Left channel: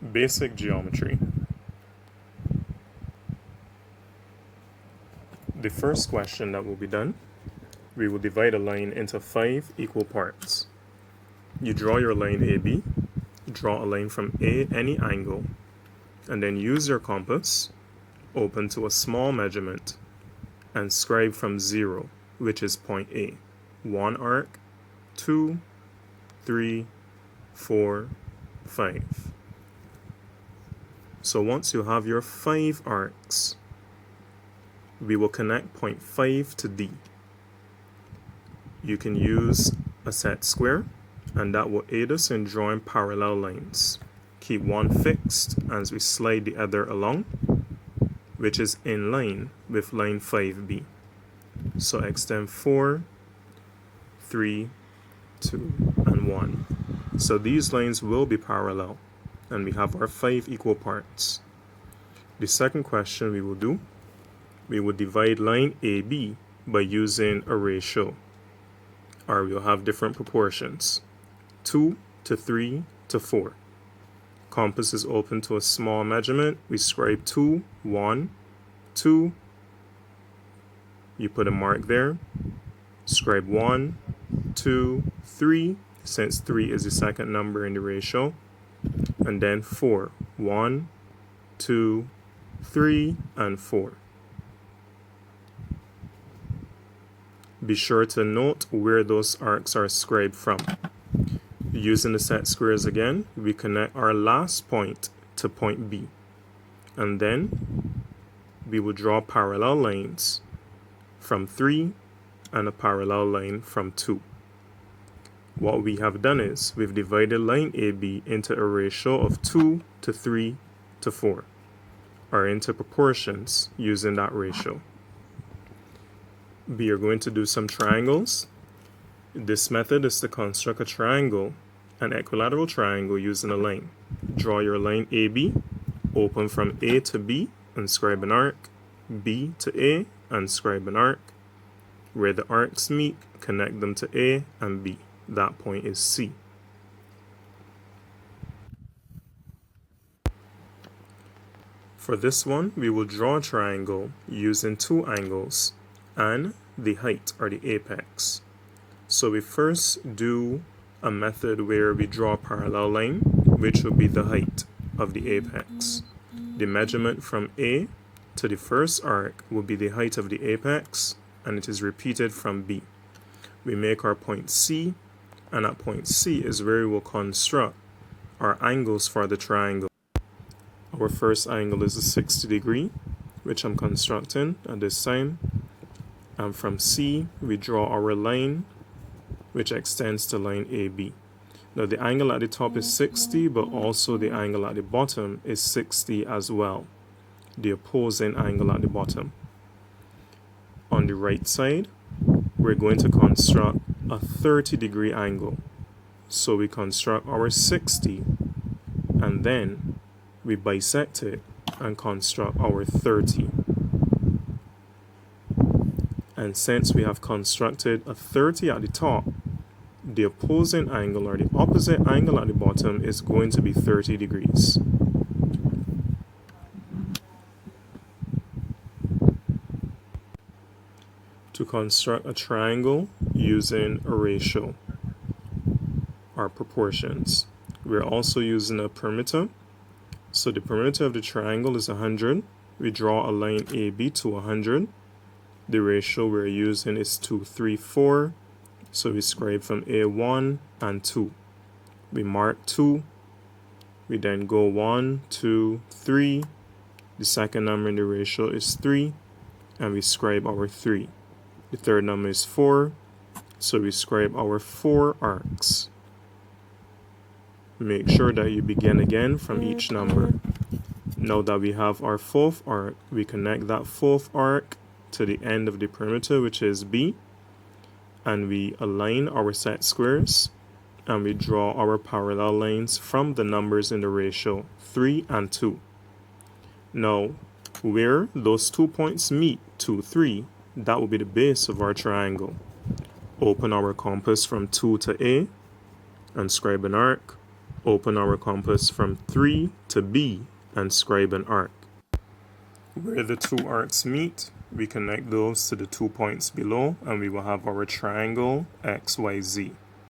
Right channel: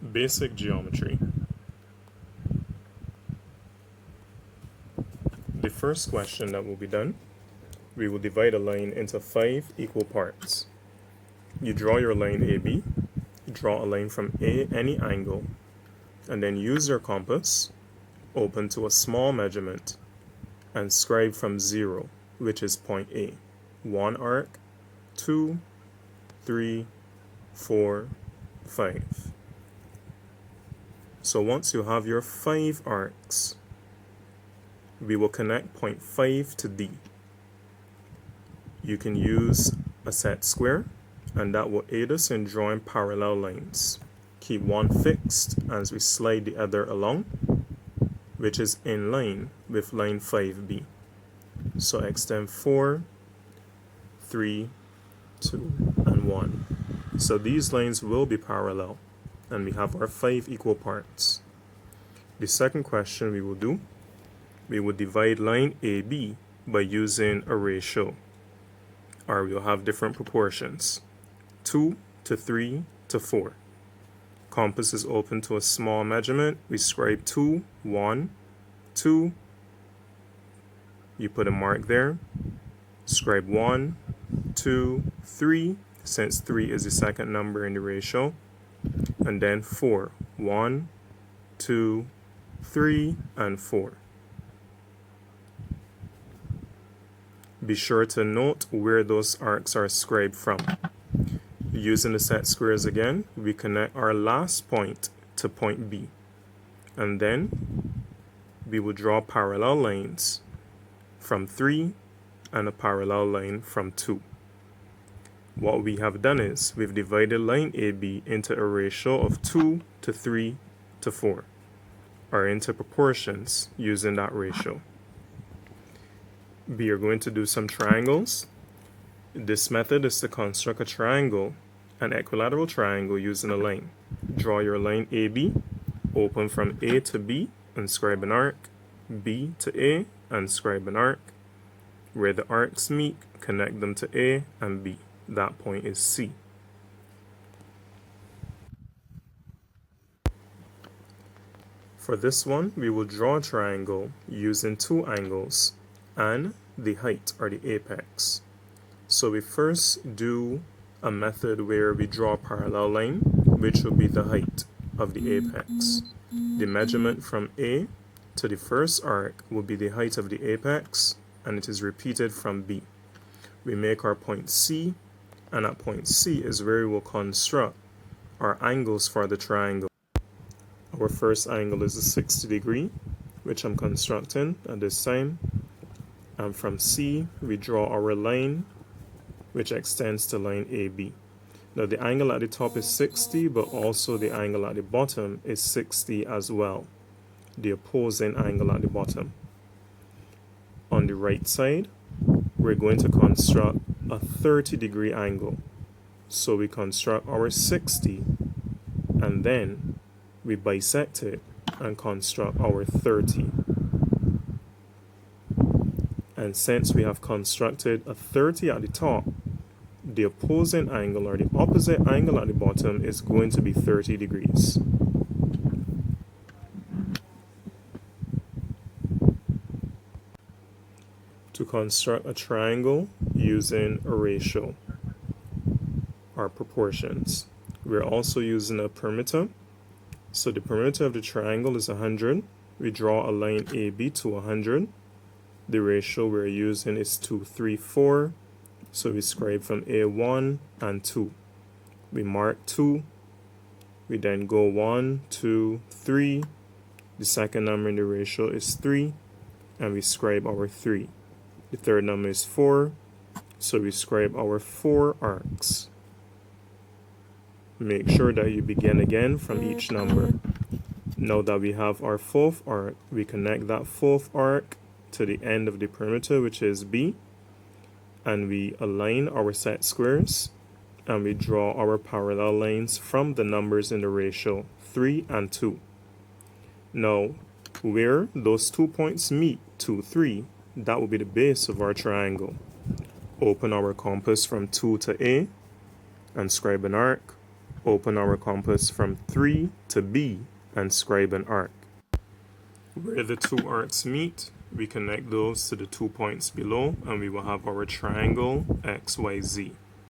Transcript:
Basic geometry. The first question that will be done, we will divide a line into 5 equal parts. You draw your line AB, draw a line from A any angle, and then use your compass, open to a small measurement, and scribe from 0, which is point A. 1 arc, 2, 3, 4, 5. So once you have your 5 arcs, we will connect point 5 to D. You can use a set square, and that will aid us in drawing parallel lines. Keep one fixed as we slide the other along, which is in line with line 5B. So extend 4, 3, 2, and 1. So these lines will be parallel, and we have our 5 equal parts. The second question we will do, we will divide line AB by using a ratio, or we'll have different proportions, 2 to 3 to 4. Compass is open to a small measurement. We scribe 2, 1, 2. You put a mark there. Scribe 1, 2, 3, since 3 is the second number in the ratio. And then 4, 1, 2, 3, and 4. Be sure to note where those arcs are scribed from. Using the set squares again, we connect our last point to point B. And then we will draw parallel lines from 3 and a parallel line from 2. What we have done is we've divided line AB into a ratio of 2 to 3 to 4, or into proportions using that ratio. We are going to do some triangles. This method is to construct a triangle, an equilateral triangle, using a line. Draw your line AB, open from A to B and scribe an arc, B to A and scribe an arc. Where the arcs meet, connect them to A and B. That point is C. For this one, we will draw a triangle using 2 angles and the height, or the apex. So we first do a method where we draw a parallel line, which will be the height of the apex. The measurement from A to the first arc will be the height of the apex, and it is repeated from B. We make our point C, and at point C is where we will construct our angles for the triangle. Our first angle is a 60 degree, which I'm constructing at this time. And from C, we draw our line, which extends to line AB. Now the angle at the top is 60, but also the angle at the bottom is 60 as well, the opposing angle at the bottom. On the right side, we're going to construct a 30-degree angle. So we construct our 60, and then we bisect it and construct our 30. And since we have constructed a 30 at the top, the opposing angle, or the opposite angle at the bottom, is going to be 30 degrees. To construct a triangle using a ratio, or proportions, we're also using a perimeter. So the perimeter of the triangle is 100. We draw a line AB to 100. The ratio we're using is 2, 3, 4. So we scribe from A1 and 2. We mark 2. We then go 1, 2, 3. The second number in the ratio is 3. And we scribe our 3. The third number is 4. So we scribe our 4 arcs. Make sure that you begin again from each number. Now that we have our 4th arc, we connect that 4th arc to the end of the perimeter, which is B, and we align our set squares, and we draw our parallel lines from the numbers in the ratio 3 and 2. Now, where those 2 points meet, 2, 3, that will be the base of our triangle. Open our compass from 2 to A and scribe an arc, open our compass from 3 to B and scribe an arc. Where the two arcs meet, we connect those to the 2 points below and we will have our triangle XYZ.